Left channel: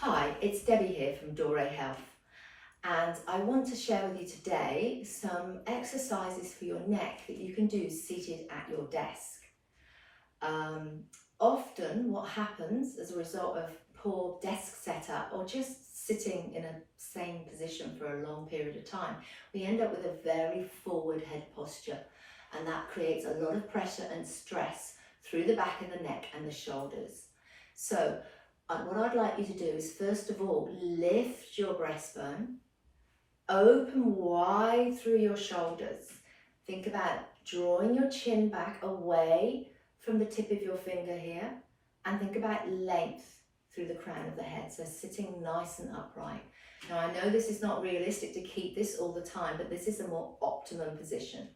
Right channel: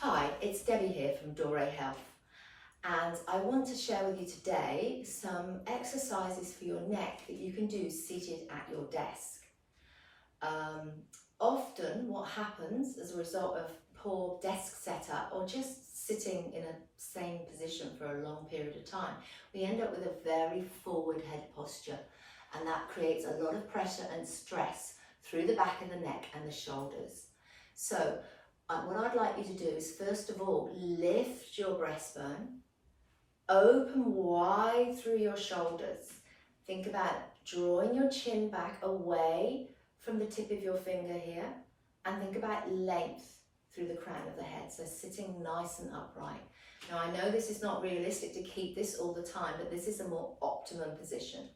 Hi, it's Debbie here from Dore Health, and I want to share with you today some exercises for your neck that you can do seated at your desk. Often what happens as a result of poor desk setup or just sitting in a same position for a long period of time, we end up with a very forward head posture, and that creates a lot of pressure and stress through the back of the neck and the shoulders. So what I'd like you to do is, first of all, lift your breastbone, open wide through your shoulders. Think about drawing your chin back away from the tip of your finger here, and think about length through the crown of the head, so sitting nice and upright. Now, I know this is not realistic to keep this all the time, but this is a more optimum position.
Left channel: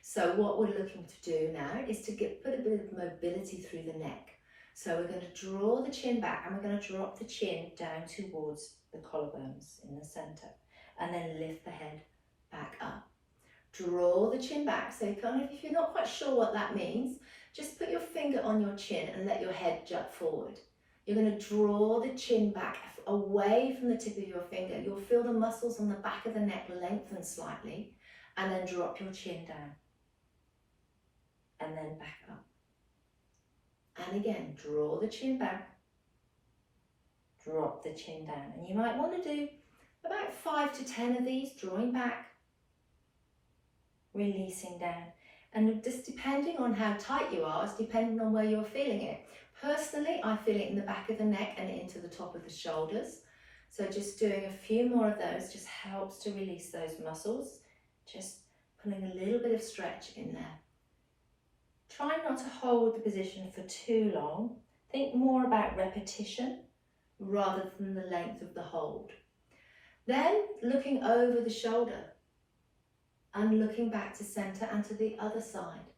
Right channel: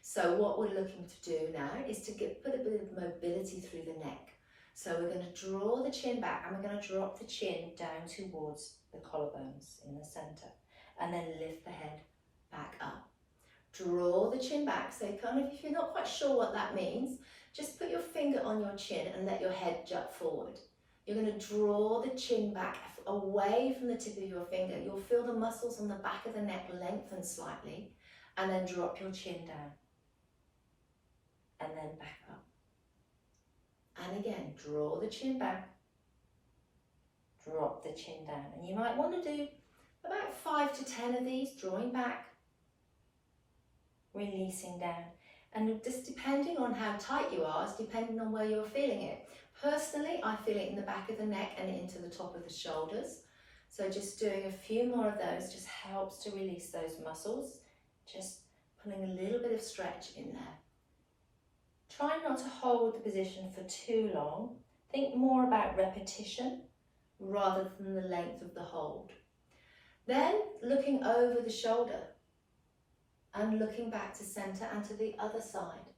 So what we're looking to do now is to put a bit of mobility through the neck. So we're going to draw the chin back, and we're going to drop the chin down towards the collarbones in the center, and then lift the head back up. Draw the chin back, so kind of, if you're not quite sure what that means, just put your finger on your chin and let your head jut forward. You're going to draw the chin back away from the tip of your finger. You'll feel the muscles on the back of the neck lengthen slightly, and then drop your chin down, and then back up. And again, draw the chin back, drop the chin down. And you might want to do about 5 to 10 of these, drawing back, releasing down. And just depending on how tight you are, it's depending on where you're feeling it. Personally, I feel it in the back of the neck and into the top of the shoulders. So just doing a few more of those just helps to release those muscles. Just putting a little bit of stretch in there. Try not to hold the position for too long. Think more about repetition rather than the length of the hold. Then looking over the shoulder and looking back to center and to the other side.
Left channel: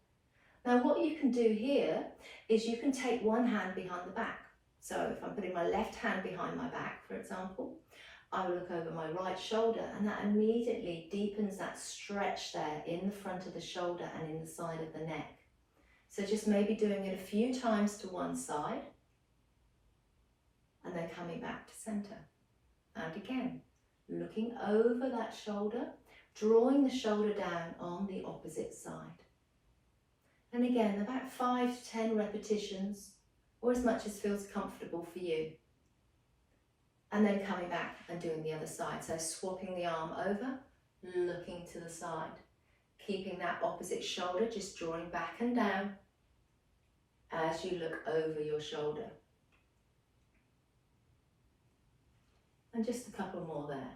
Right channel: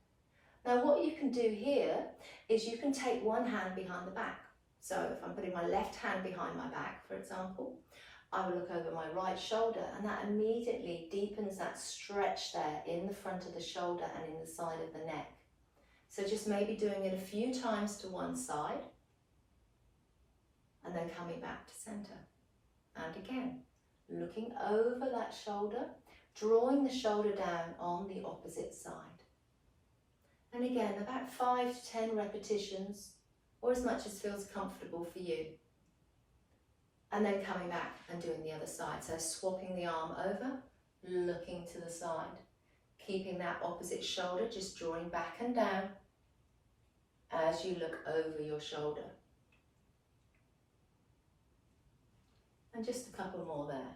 Now what you can do here is you can take one hand behind the back. So if I'm putting my left hand behind my back, for example, I will look over my right shoulder, and that immediately deepens that stretch there in the front of the shoulder and in the side of the neck. So just maybe doing it a few times to one side, and then coming back to center. And again, looking over that shoulder, drawing the shoulder down on the opposite side. And again, about 5 to 10 repetitions, or as much as feels comfortable for you. And then coming back and doing the other side. So swapping the arm over, looking to the side. Keeping that opposite shoulder, just drawing back and down as you look over your shoulder. And just a couple more there.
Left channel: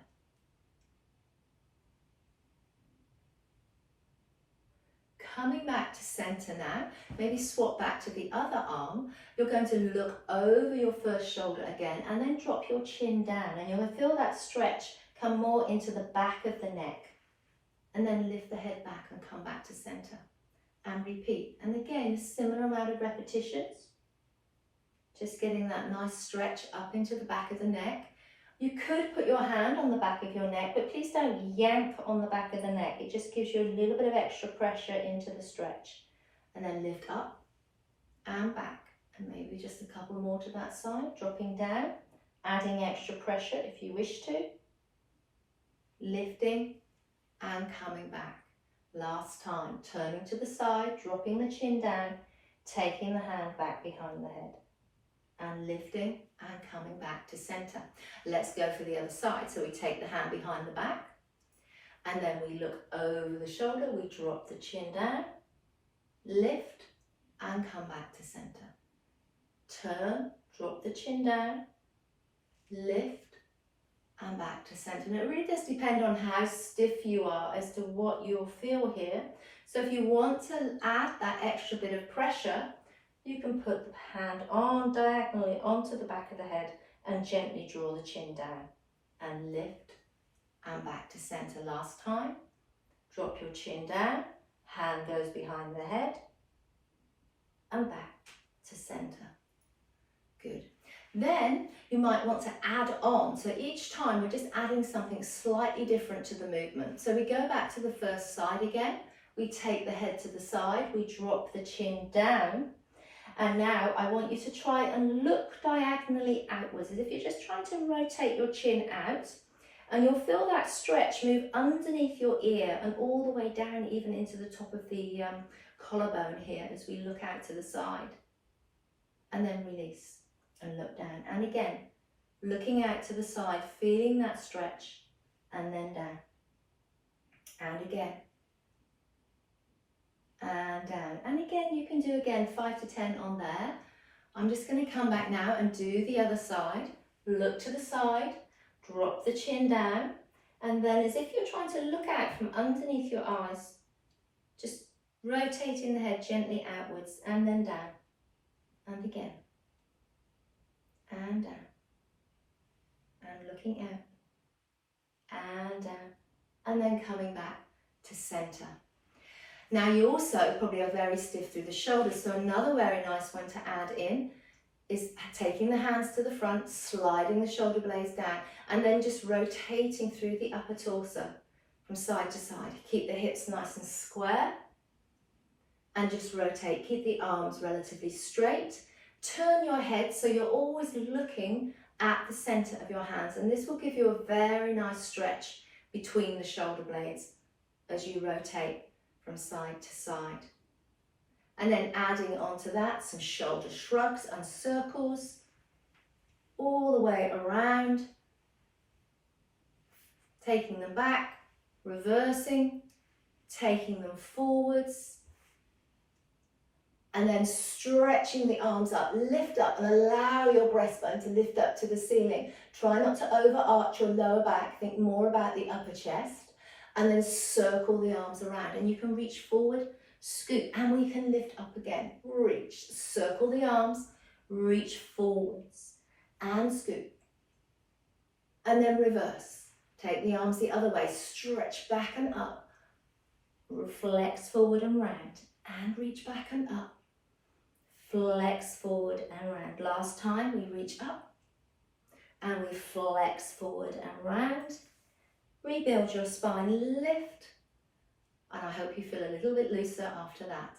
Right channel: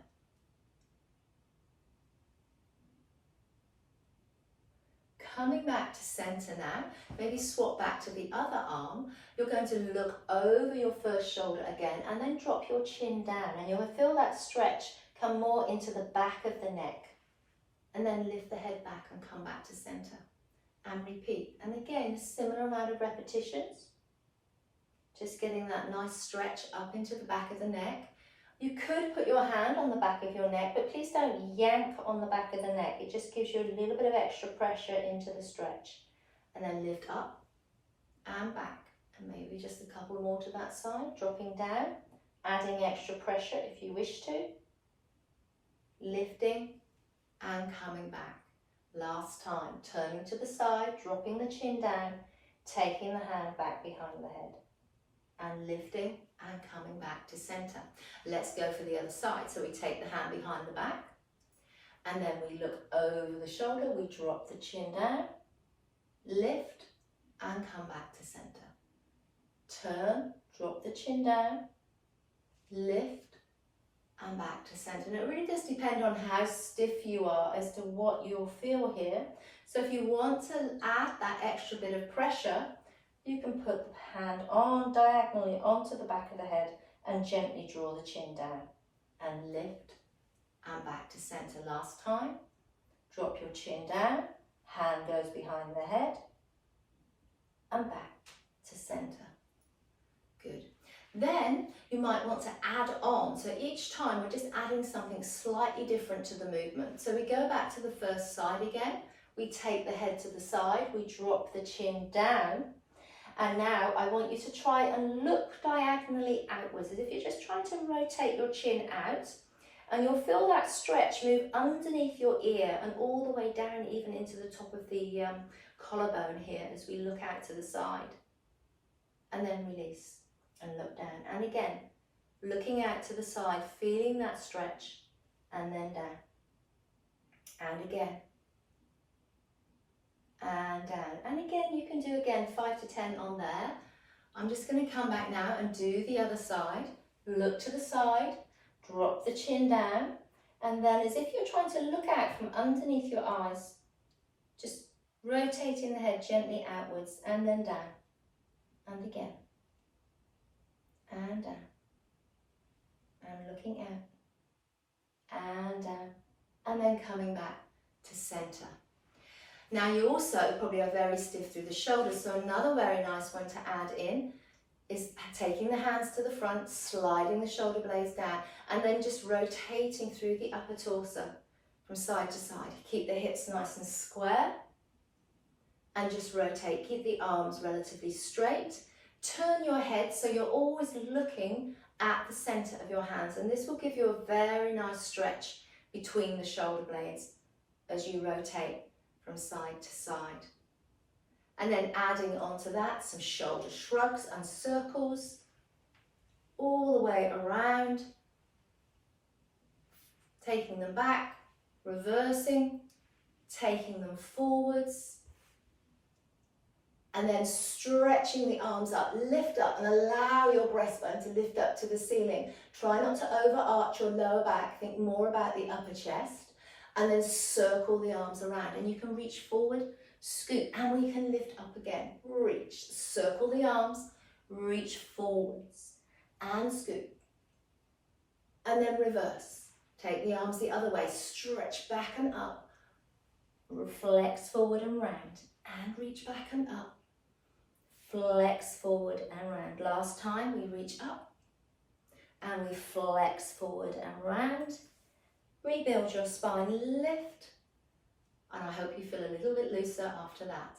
Coming back to center now, maybe swap back to the other arm. You're going to look over your first shoulder again, and then drop your chin down, and you'll feel that stretch come more into the back of the neck. And then lift the head back and come back to center and repeat. And again, a similar amount of repetitions. Just getting that nice stretch up into the back of the neck. You could put your hand on the back of your neck, but please don't yank on the back of the neck. It just gives you a little bit of extra pressure into the stretch. And then lift up and back. And maybe just a couple more to that side, dropping down, adding extra pressure if you wish to. Lifting and coming back. Last time, turning to the side, dropping the chin down, taking the hand back behind the head, and lifting and coming back to center. Let's go for the other side. So we take the hand behind the back, and then we look over the shoulder, we drop the chin down, lift and come back to center. Turn, drop the chin down, lift, and back to center. And it really does depend on how stiff you are as to what you'll feel here. So if you want to add that extra bit of pressure, you can put the hand on diagonally onto the back of the head and gently draw the chin down and lift and back to center. Last time, drop your chin down, hand goes behind the head and back to center. Good. Then you might want to add on. So each time we're just adding something slightly different to the movement. So we go back to the first side again. We take the head to the side, we drop the chin down, And now I want you to try and look diagonally outwards, as if you're just trying to rotate your chin out. And you'll feel that stretch move underneath your ear and all the way down even into the top of the collarbone here as we look out to the side. And then release and look down. And again, looking out to the side, feeling that stretch, and then down. And again. And down. And again, you can do again 5 to 10 on there. I'm just going to come back now and do the other side. Look to the side, drop the chin down, and then as if you're trying to look out from underneath your eyes, just rotating the head gently outwards and then down. And again. And down. And looking out. And down. And then coming back to centre. Now you also probably are very stiff through the shoulders, so another very nice one to add in is taking the hands to the front, sliding the shoulder blades down, and then just rotating through the upper torso from side to side. Keep the hips nice and square and just rotate. Keep the arms relatively straight. Turn your head so you're always looking at the centre of your hands, and this will give you a very nice stretch between the shoulder blades as you rotate from side to side. And then adding onto that some shoulder shrugs and circles all the way around, taking them back, reversing, taking them forwards, and then stretching the arms up, lift up and allow your breastbone to lift up to the ceiling. Try not to overarch your lower back, think more about the upper chest, and then circle the arms around. And you can reach forward, scoot, and we can lift up again. Reach, circle the arms, reach forwards, and scoot. And then reverse. Take the arms the other way, stretch back and up, flex forward and round, and reach back and up. Flex forward and round. Last time we reach up and we flex forward and round. Rebuild your spine, lift, and I hope you feel a little bit looser after that.